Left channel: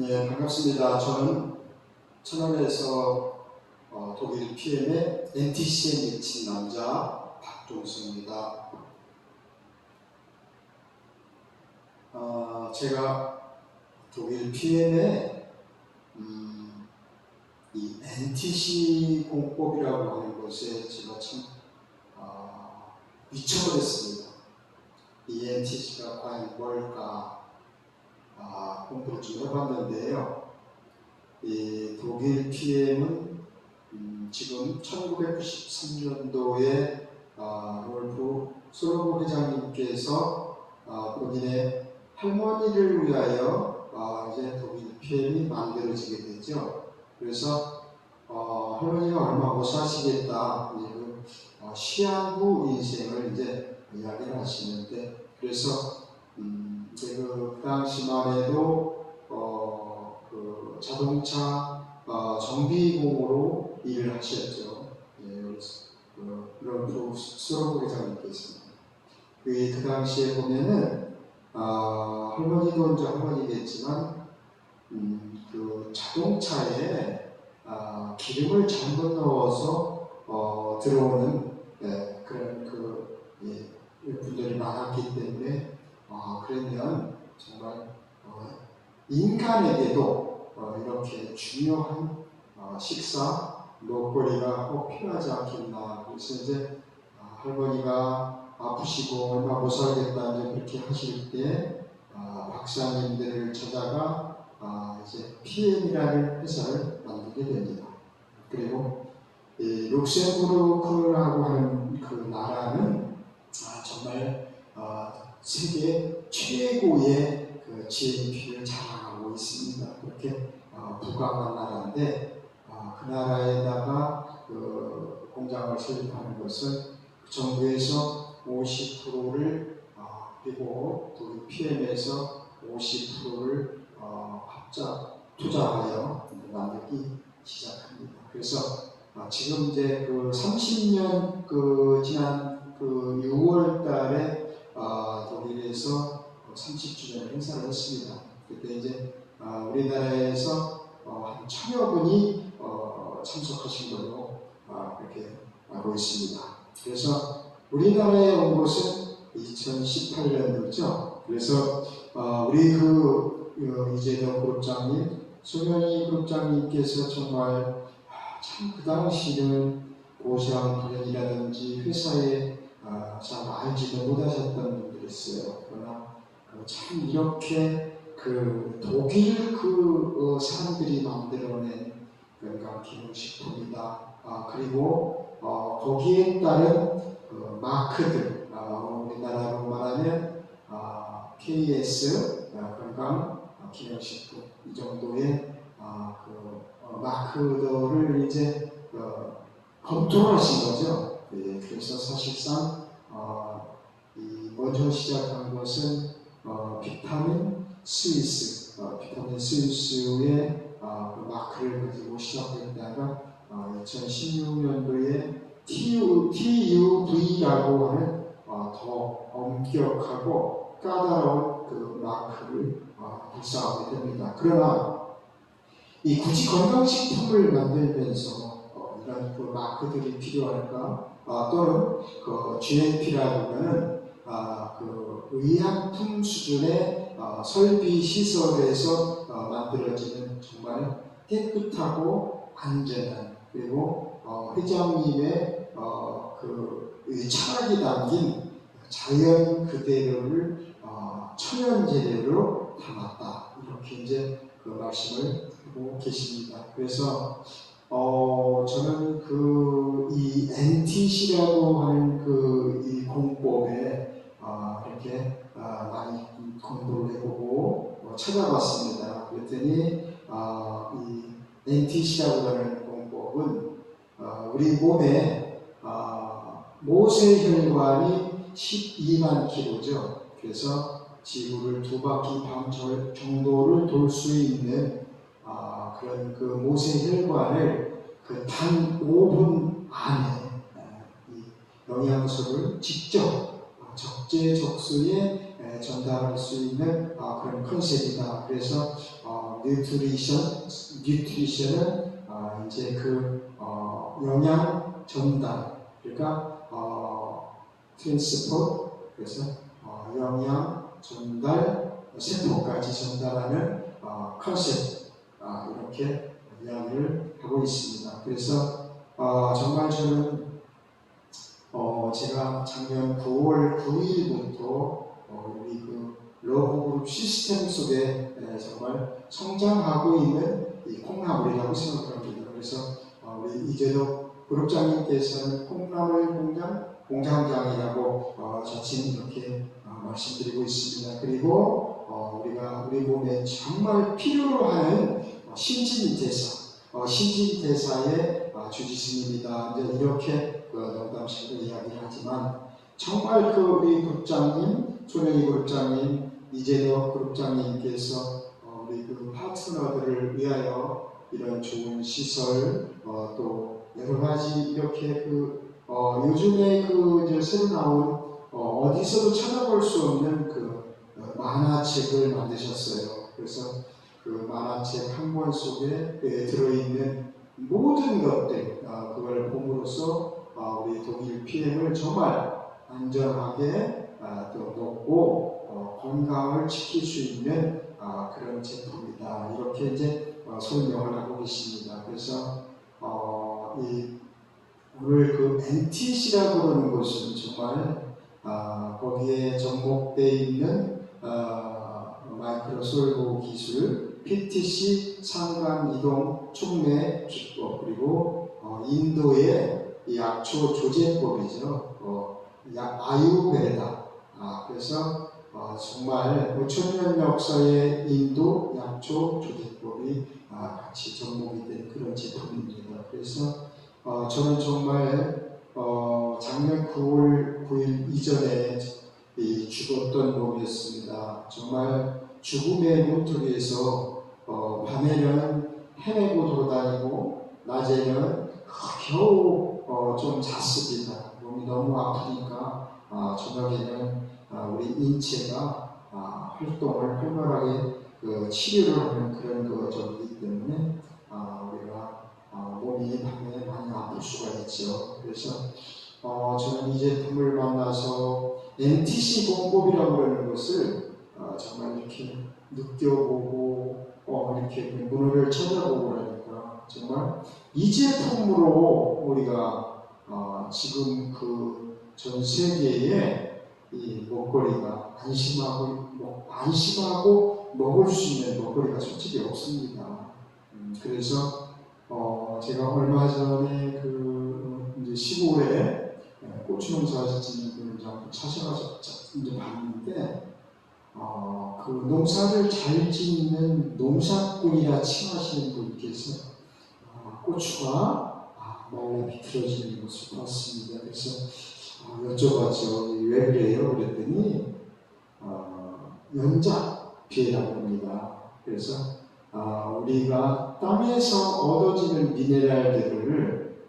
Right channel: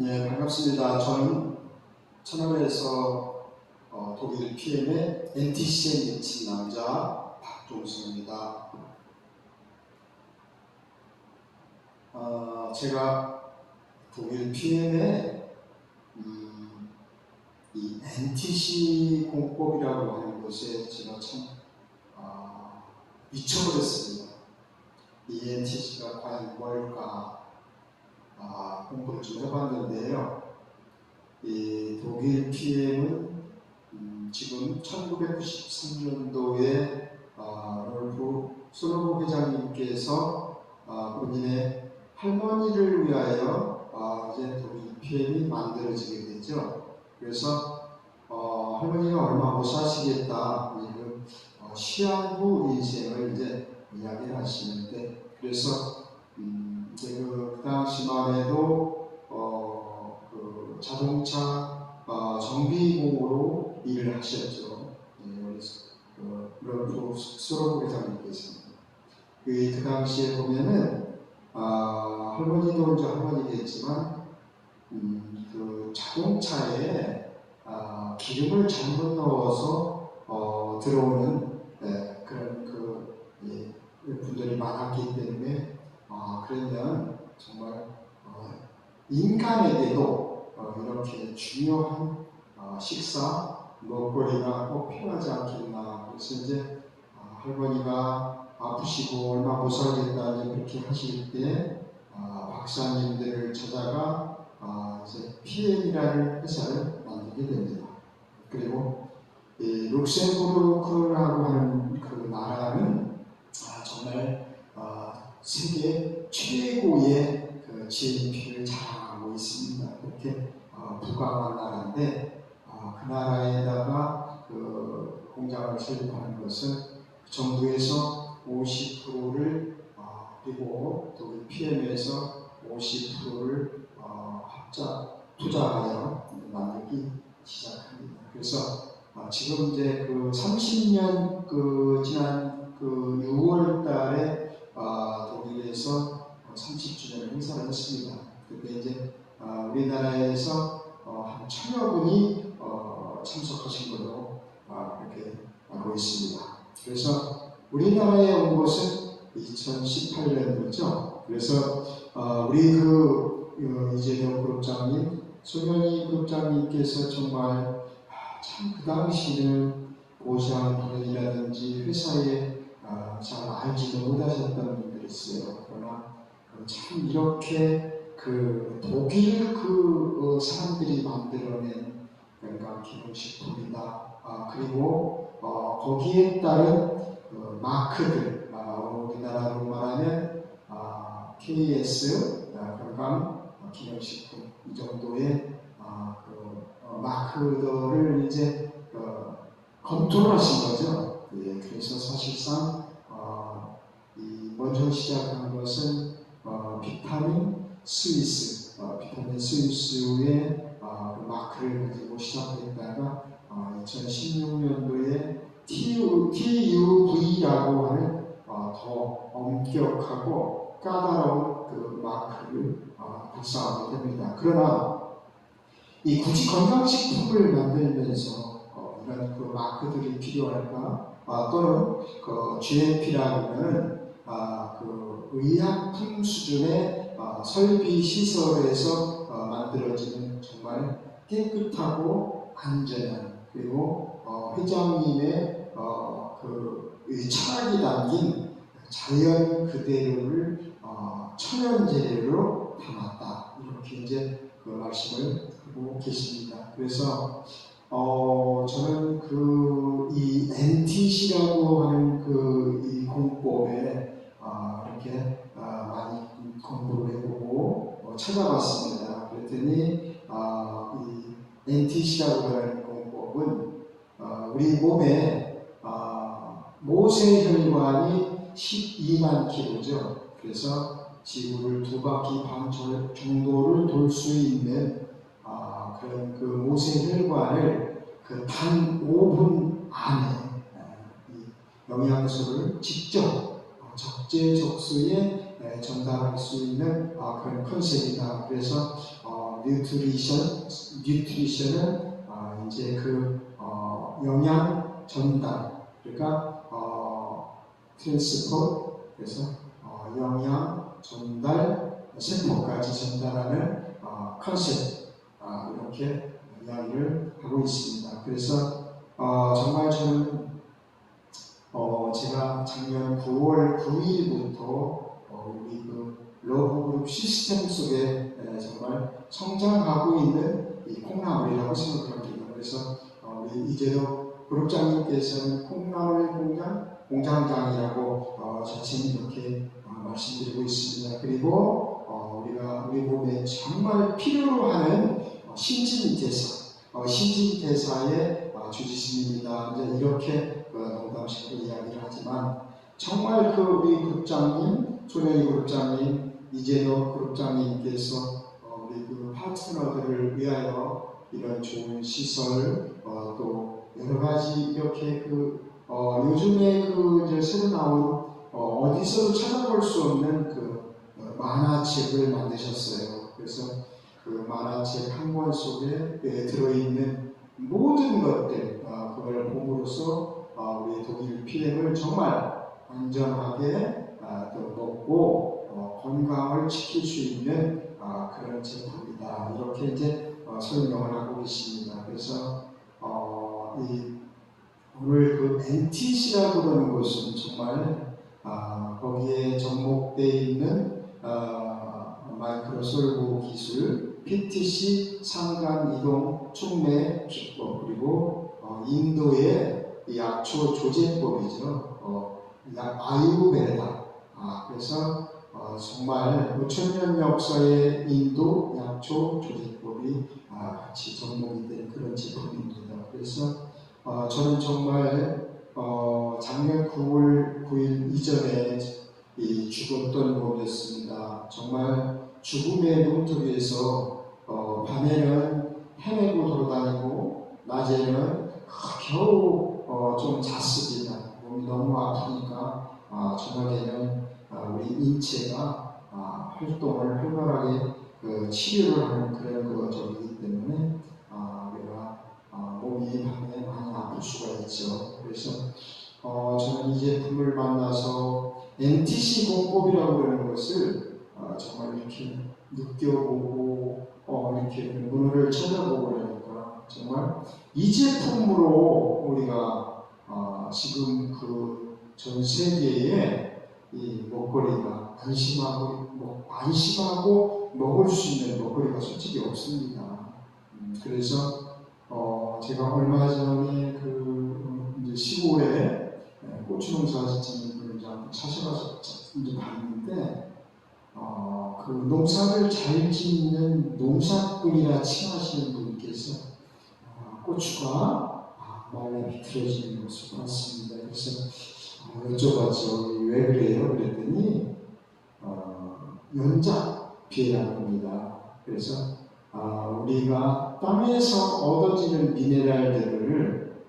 네, 반갑습니다. 저는 천안에서 독일 PM의 NTC에 미친 남자 박종수입니다. 제가 독일 PM의 이 NTC 공법이라고 하는 것에 제가 참 미쳐버렸습니다. 이 NTC가 과연 뭘까 공부를 좀 해봤는데요. 이 독일 PM은 지금 1993년도에 롤프 솔로몬 회장님께서 본인의 할머니를 위하여 이제 독일 PM이 만들어지게 되죠. 그래서 할머니가 얼마 못 사시겠다, 이제 시한부 인생을 이제 이야기를 하시는데, 그래서 이제 그 당시만 해도 그 자동차 정비공으로 일을 하셨죠. 예, 롤프 솔로몬 회장님께서는 그 당시에 보면은 할머니도 이제 할머니겠지만 그 자동차에 기름을 잘못 넣어서 들어오는 그런 분들이 많았기 때문에 그러면 정말 인간에게도 이렇게 중요한 식사 먹거리가 꼭 필요하지 않겠나. 그래서 이제 할머니가 아프시고 얼마 못 살겠다 이제 그렇게 하실 때 박사님들을 찾아가 이제 PM이라는 회사를 만들게 됩니다. 그리고 룩셈부르크라고 하는 그 나라는 정말 세계 최고의 그 GNP를 자랑하고 있습니다. 그렇게 부강한 나라인데 그 나라에다가 그 공장을 설립하는 것은 정부에서 50%를 그리고 또 PM에서 50%를 합작 투자하여 만들기 시작합니다. 그래서 지금 이제 그 30년 지난 6월달에 독일에서 30주년을 행사를 했습니다. 그때 이제 우리나라에서 한 1000여 분이 참석하신 걸로 그렇게 알고 있습니다. 그래서 우리나라에 온 것은 2018년도죠. 그래서 우리 이재동 그룹장님, 송현희 그룹장님께서 정말 참 그 당시는 보상불행이라든지 회사에 잘 알지도 못하셨던 분들이 있어요. 그러나 참 이렇게 독일 사람들이 만들어낸 건강기능식품이다. 그리고 거기에 따른 마크들, 우리나라로 말하면 KS 건강기능식품 이 정도의 마크들을 이제 컨트롤하신 거죠. 예, 그래서 사실상 먼저 시작한 것은 비타민 스위스의 그 마크를 가지고 시작했다가 2016년도에 TUV라고 하는 더 엄격하고 까다로운 그 마크를 발사하게 됩니다. 그러나 굳이 건강식품을 만들면서 이런 그 마크들이 필요할까? 또는 GMP라고 하는 그 의약품 수준의 설비 시설에서 만들어지는 정말 깨끗하고 안전한, 그리고 회장님의 이 철학이 담긴 자연 그대로를 천연 재료로 담았다, 이렇게 이제 그 말씀을 하고 계십니다. 그래서 저는 이 NTC라고 하는 이 공법에 이렇게 많이 공부를 해보고 찾아봤습니다. 그랬더니 이 NTC라고 하는 공법은 우리 몸에 모세혈관이 12만 킬로죠. 그래서 지구를 2바퀴 반 정도를 돌 수 있는 그런 그 모세혈관을 단 5분 안에 이 영양소를 직접 적재적소에 전달할 수 있는 그런 컨셉이다. 그래서 뉴트리션은 이제 영양 전달, 그러니까 트랜스포트, 그래서 영양 전달, 세포까지 전달하는 컨셉, 이렇게 이야기를 하고 있습니다. 그래서 정말 저는 제가 작년 9월 9일부터 우리 러브그룹 시스템 속에 정말 성장하고 있는 이 콩나물이라고 생각합니다. 그래서 우리 이재도 그룹장님께서는 콩나물 공장장이라고 자칭 이렇게 말씀드리고 있습니다. 그리고 우리 몸에 정말 필요로 하는 신진대사의 주지스입니다. 이렇게 농담식으로 이야기를 하지만 정말 우리 그룹장님, 조명희 그룹장님, 이재도 그룹장님께서 우리 파트너들을 위하여 이런 좋은 시설, 또 여러 가지 이렇게 요즘에 이제 새로 나온 어디서도 찾아볼 수 없는 만화책을 만드셨어요. 그래서 만화책 한 권 속에 들어있는 모든 것들, 그걸 봄으로써 우리 독일 PM을 정말 안전하게 또 먹고 건강을 지킬 수 있는 그런 제품이다. 이렇게 이제 설명을 하고 계십니다. 그래서 오늘 NTC라고 하는 곳은 정말 거기에 접목되어 있는 마이크로솔브 기술, PTC 상간 이동 촉매 기법, 그리고 인도의 약초 조제법이죠. 아유베다. 그래서 정말 5,000년 역사의 인도 약초 조제법이 같이 접목이 된 그런 제품입니다. 그래서 저는 정말 작년 9월 9일 이전에 죽었던 몸이었습니다. 정말 죽음의 문턱에서 밤에는 헤매고 돌아다니고 낮에는 겨우 좀 잤습니다. 몸이 너무 아프니까 저녁에는 우리 인체가 활동을 활발하게 치료를 하는 그런 적이기 때문에 우리가 몸이 밤에 많이 아플 수가 있죠. 그래서 저는 이 제품을 만나서 NTC 공법이라고 하는 것을 정말 이렇게 느껴보고 이렇게 문헌을 찾아보고 그러니까 정말 이 제품으로 우리가 지금 전 세계에 이 먹거리가 안심하고 먹을 수 있는 먹거리가 솔직히 없습니다. 그래서 제가 얼마 전에 이제 시골에 고추 농사 짓는 분을 찾아가서 이제 봤는데 농사를 잘 짓는 농사꾼이라 칭하시는 분께서 고추가 몸에 비틀어지는 것을 봤습니다. 그래서 여쭤봤죠. 왜 그래요? 그랬더니 연작비라고 합니다. 그래서 우리가 땅에서 얻어지는 미네랄들을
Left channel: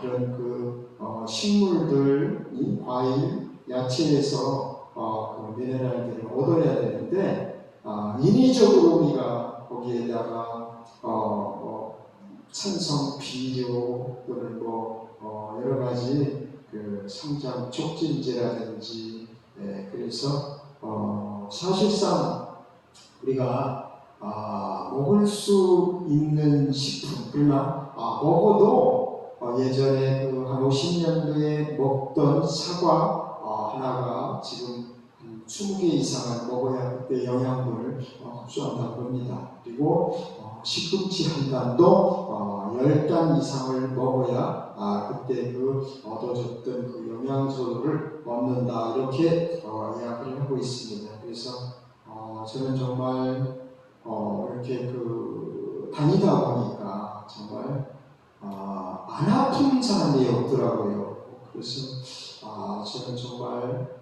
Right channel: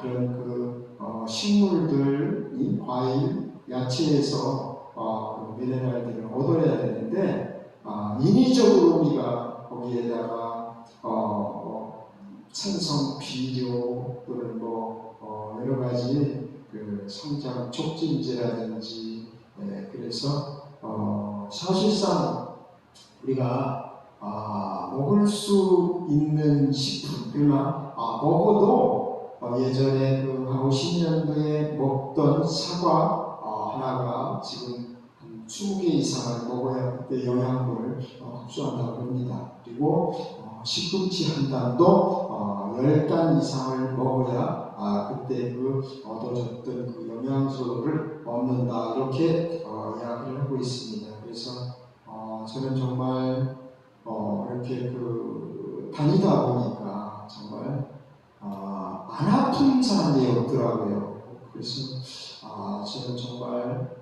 그런 식물들, 과일, 야채에서 미네랄들을 얻어야 되는데 인위적으로 우리가 거기에다가 산성 비료 또는 여러 가지 성장 촉진제라든지 그래서 사실상 우리가 먹을 수 있는 식품, 그러나 먹어도 예전에 한 50년도에 먹던 사과 하나가 지금 한 20개 이상을 먹어야 그때 영양분을 흡수한다고 합니다. 그리고 시금치 한 단도 10단 이상을 먹어야 그때 얻어졌던 영양소를 얻는다. 이렇게 이야기를 하고 있습니다. 그래서 저는 정말 이렇게 다니다 보니까 정말 안 아픈 사람이 없더라고요. 그래서 저는 정말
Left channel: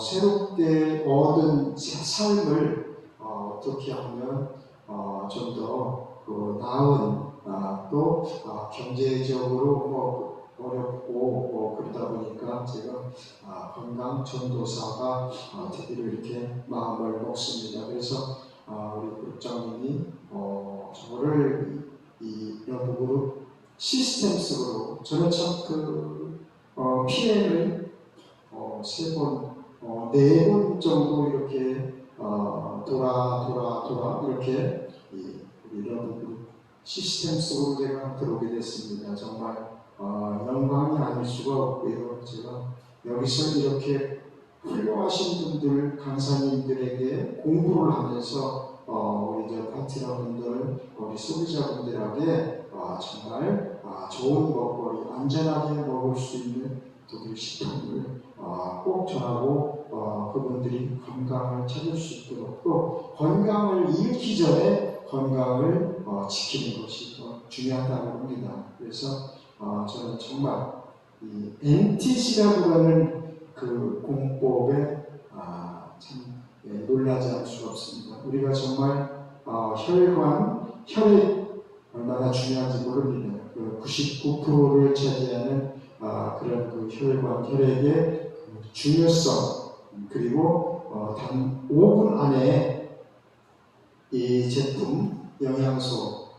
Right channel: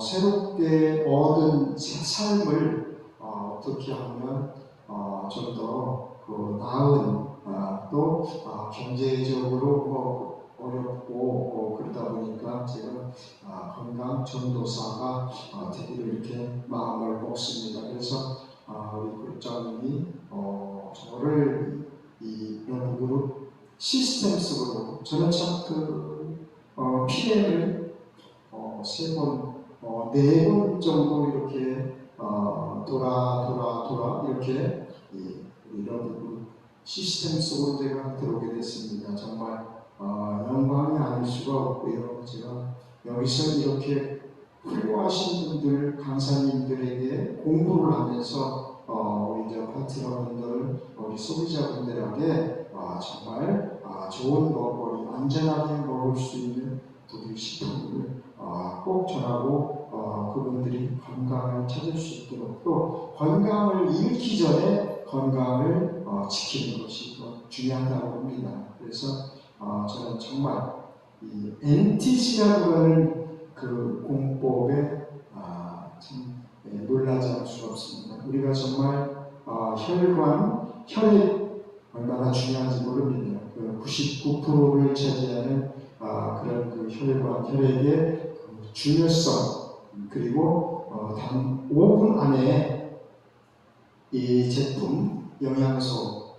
새롭게 얻은 삶을 어떻게 하면 좀 더 나은 또 경제적으로 어렵고 그러다 보니까 제가 건강 전도사가 되기로 이렇게 마음을 먹습니다. 그래서 우리 국장님이 저를 이 영국으로 시스템 속으로 저는 참그 PM을 3번, 4번 정도 이렇게 돌아 이렇게 우리 영국 시스템 속으로 제가 들어오게 됐습니다. 정말 영광이 아닐 수가 없고요. 제가 여기서 이렇게 훌륭하신 분들, 강사님들에게 공부를 하면서 우리 파트너분들, 우리 소비자분들에게 정말 좋은 먹거리, 안전하게 먹을 수 있는 독일 식품을 꼭 전하고 그분들이 건강을 찾을 수 있도록 또 건강을 잃기 전에 건강을 지키는 것이 더 중요하다고 봅니다. 그래서 저는 정말 이 NTC라고 하는 그 공법에 참 놀라지 않을 수가 없습니다. 우리가 정말 혈관, 혈액 얼마나 중요한지 모릅니다. 그 99%를 차지하는 그런 그 혈관, 혈액의 그 중요성 그리고 단 5분 안에 이 제품, 영양소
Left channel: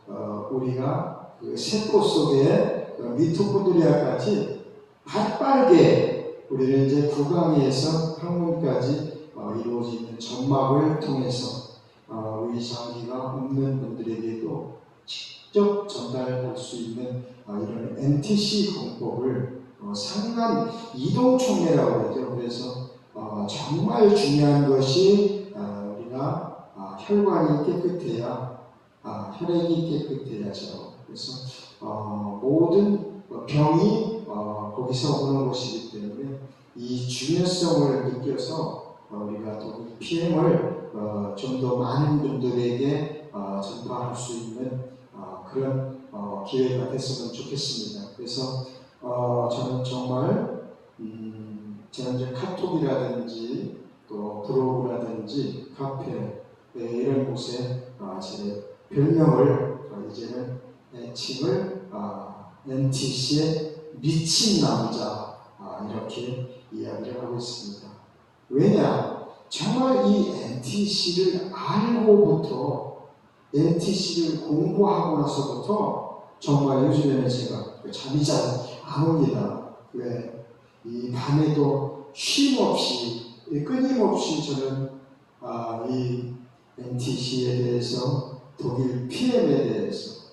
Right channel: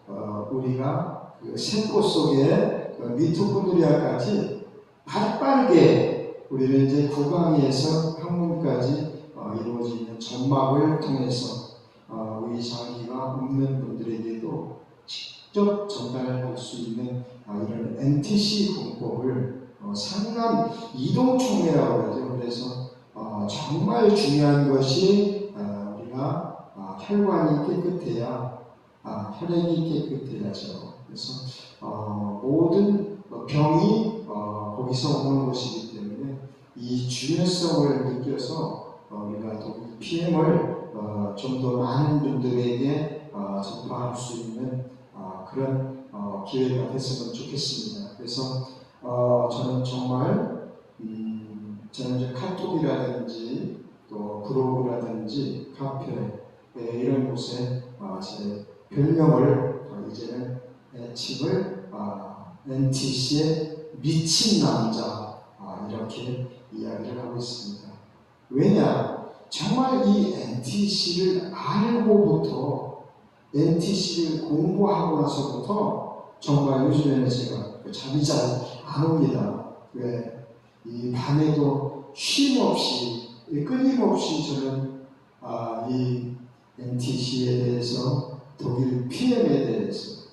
우리가 그 세포 속에 그 미토콘드리아까지 발빠르게 우리는 이제 구강에서 항문까지 이루어지는 점막을 통해서 우리 장기가 없는 분들에게도 직접 전달할 수 있는 이런 NTC 공법을 상간 이동촉매라고 그러죠. 그래서 정말 중요한 것이 우리가 혈관이 깨끗해야 혈액이 깨끗해야죠. 그래서 모든 병이 거기서 오는 것이기 때문에 이 중요성을 느껴서 우리가 독일 PM을 좀 더 많은 분들에게 전파할 수 있는 그런 기회가 됐으면 좋겠습니다. 그래서 저는 정말 저는 이제 카톡이라든지 또 블로그라든지 카페 이런 곳에 제 별명을 이제는 애칭을 NTC의 미친 남자 이렇게 이야기를 하고 있습니다. 왜냐? 정말 이 NTC를 알고부터 NTC를 공부하고 나서부터 정말 요즘에는 제가 잠이 잘 안 옵니다. 왜? 이 밤에도 쉼 없이 끊임없이 저는 이 NTC에 대해서 독일 PM에 대해서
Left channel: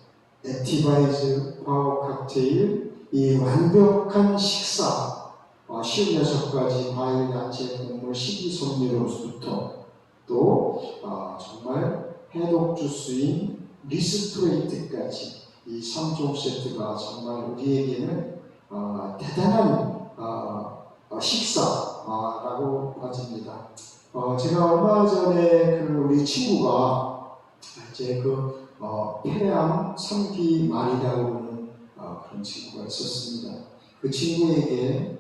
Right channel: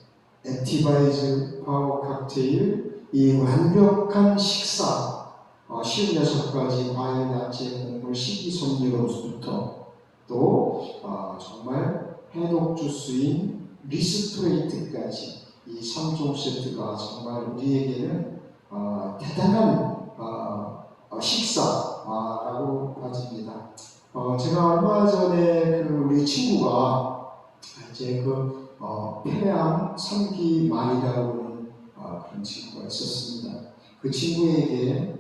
액티바이즈 파워 칵테일 이 완벽한 식사 56가지 과일, 야채, 곡물, 식이섬유로부터 또 정말 해독 주스인 리스토레이트까지 이 3종 세트가 정말 우리에게는 대단한 식사라고 봐집니다. 제가 얼마 전에 그 우리 친구가 이제 그 폐암 3기 말이라고 하는 그런 친구가 있었습니다. 그 친구에게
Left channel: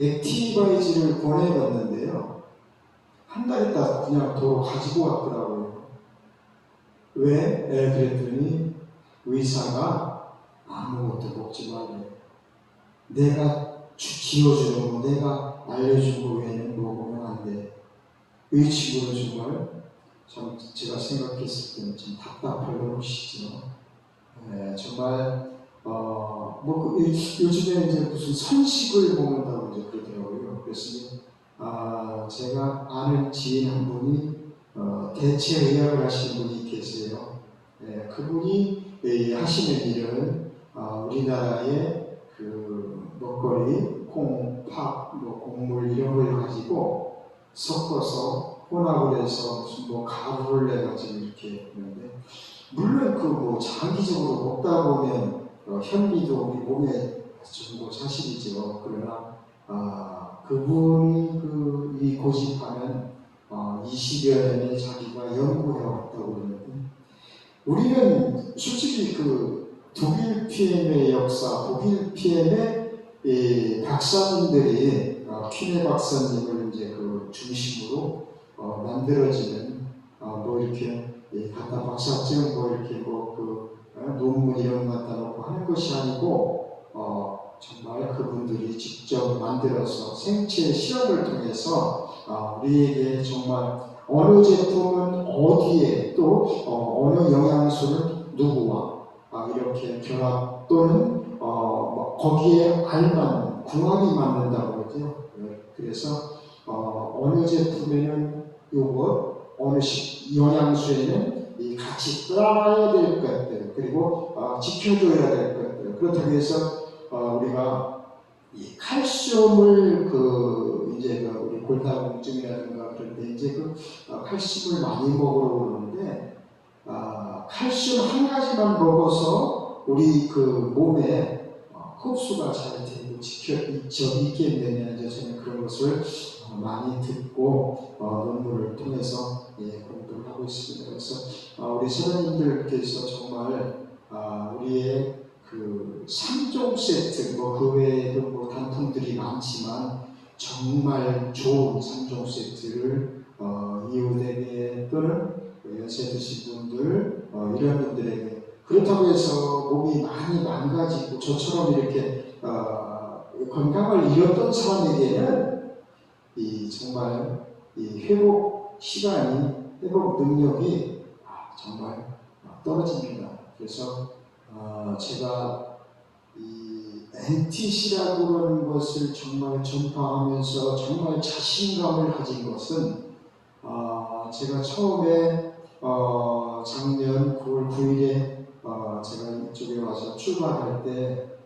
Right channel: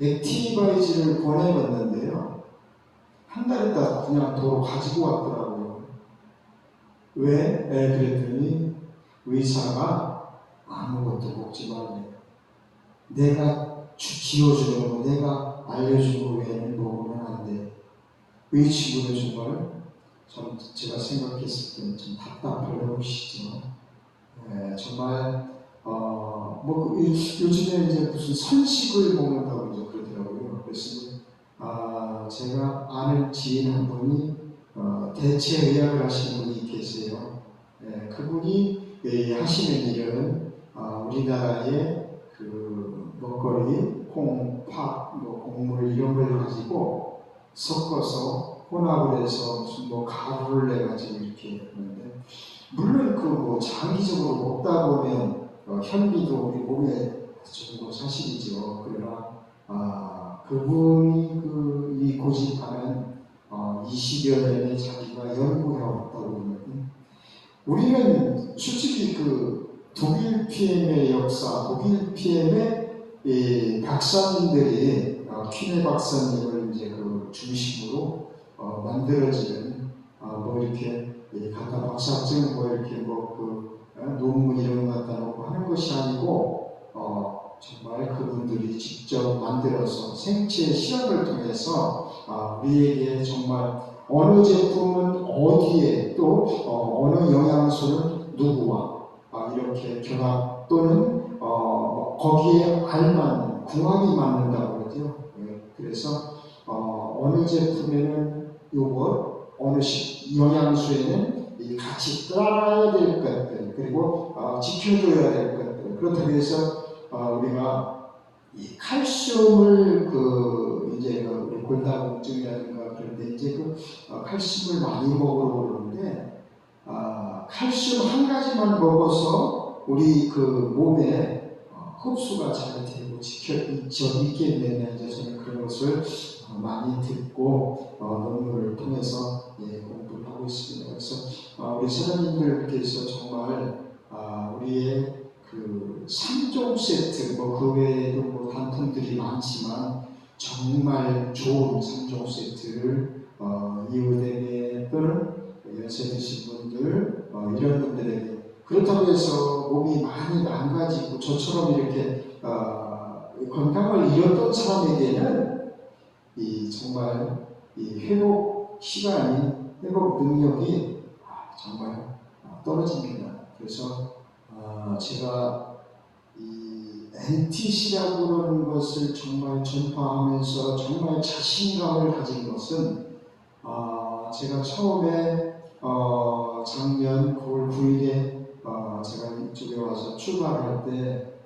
액티바이즈를 권해봤는데요. 한 달 있다가 그냥 더 가지고 왔더라고요. 왜? 그랬더니 의사가 아무것도 먹지 말래. 내가 지어주는 거, 내가 알려준 거 외에는 먹으면 안 돼. 이 친구는 정말 제가 생각했을 때는 좀 답답할 것이죠. 정말 요즘에 이제 무슨 선식을 먹는다고 이제 그러더라고요. 그래서 제가 아는 지인 한 분이 대체의학을 하시는 분이 계세요. 그분이 하시는 일은 우리나라의 그 먹거리, 콩, 팥, 곡물 이런 걸 가지고 섞어서 혼합을 해서 무슨 가루를 내가지고 이렇게 하는데 물론 그 장기적으로 먹다 보면 현미도 우리 몸에 좋은 거 사실이죠. 그러나 그분이 이 고집하는 20여 년에 자기가 연구해 왔다고 그러는데 우리는 솔직히 그 독일 PM의 역사, 독일 PM의 박사님들이 퀴네 박사님을 이제 그 중심으로 만들어지는 이렇게 갖다 박사증 이렇게 논문 이런 거 갖다 놓고 하는 것이 아니고 정말 그분들이 직접 만들어서 생체 실험을 통해서 우리에게 정말 어느 제품은 어디에 또 어느 영양소는 누구와 이렇게 결합 또는 거기에 알맞는 궁합이 맞는다고 그러죠. 그래서 어느 제품에는 요것, 어느 영양소에는 이 같이 따라야 될 것들 그리고 지켜줘야 될 것들 그렇다고 해서 우리가 이 칼슘을 이제 우리 골다공증이라든가 그럴 때 이제 칼슘을 많이 먹으라고 그러는데 칼슘 한 가지만 먹어서 우리 몸에 흡수가 잘 되고 있겠느냐 이제 저는 그런 것을 많이 듣고 논문을 통해서 공부를 하고 있습니다. 그래서 우리 선생님들께서 정말 우리의 그 3종 세트 그 외에도 단품들이 많지만 정말 좋은 3종 세트를 이웃에게 또는 연세 드신 분들 이런 분들에게 그렇다고 해서 몸이 많이 망가지고 저처럼 이렇게 건강을 잃었던 사람에게는 정말 이 회복 시간이 회복 능력이 정말 떨어집니다. 그래서 제가 이 NTC라고 그러는 것을 정말 전파하면서 정말 자신감을 가진 것은 제가 처음에 작년 9월 9일에 제가 이쪽에 와서 출발할 때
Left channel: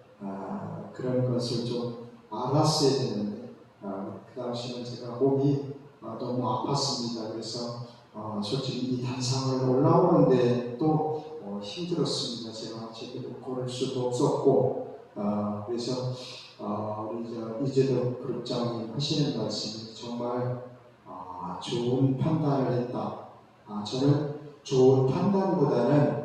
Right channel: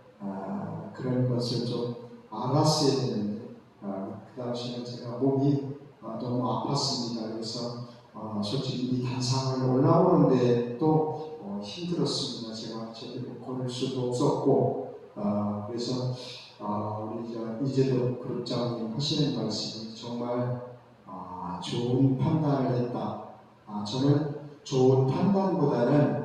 그런 것을 좀 알았어야 되는데 그 당시는 제가 몸이 너무 아팠습니다. 그래서 솔직히 이 단상을 올라오는데 또 힘들었습니다. 제가 제대로 걸을 수도 없었고 그래서 우리 이재덕 그룹장님 하시는 말씀이 정말 좋은 판단을 했다. 저는 좋은 판단보다는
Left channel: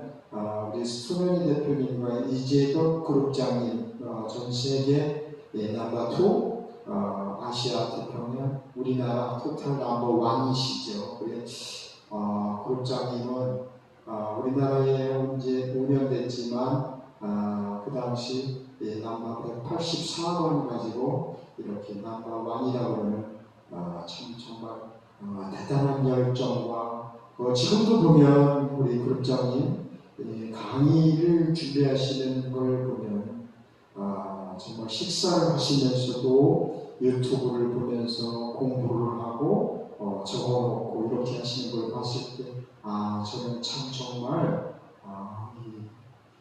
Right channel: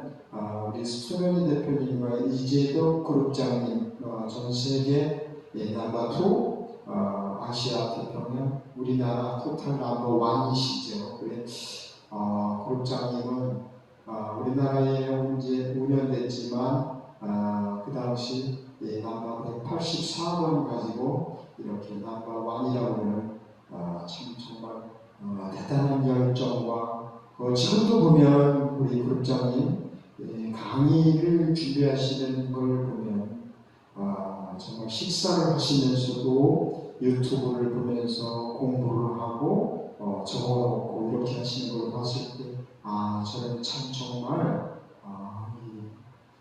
우리 손현희 대표님과 이재덕 그룹장님 전 세계 넘버 2 아시아 태평양 우리나라 토탈 넘버 1이시죠. 그래 그룹장님은 우리나라에 온 지 5년 됐지만 그 당시 넘버 184번 가지고 이렇게 넘버 1이라고 하는 참 정말 대단한 열정과 지금도 보면 우리 그룹장님 강의를 준비하시는 걸 보면 정말 식사를 하시면서도 유튜브를 보면서 공부를 하고 적어놓고 이렇게 하시는 걸 봤을 때 저는 참 정말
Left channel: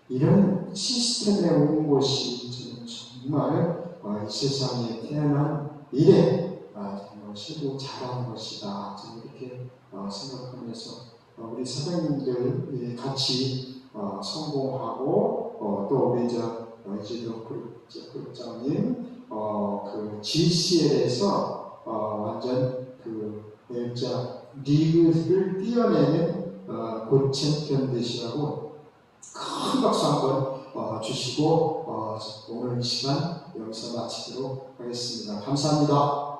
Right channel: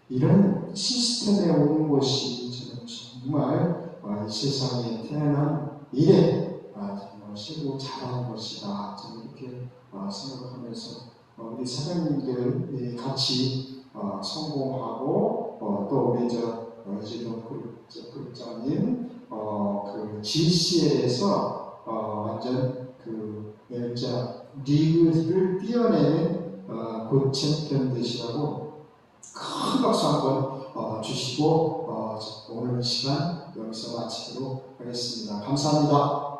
이런 시스템에 온 것이 저는 정말 이 세상에 태어난 이래 정말 최고 잘한 것이다. 저는 이렇게 생각하면서 우리 사장님들 같이 성공하고 또 우리 이재덕 그룹장님 그 GCL에서 완전 그 멸자 리그를 뛰어내는 곧 챔피언 되시라고 큰 박수 한번 주시고 오늘 이 시간 여기서 마치도록 하겠습니다. 감사합니다.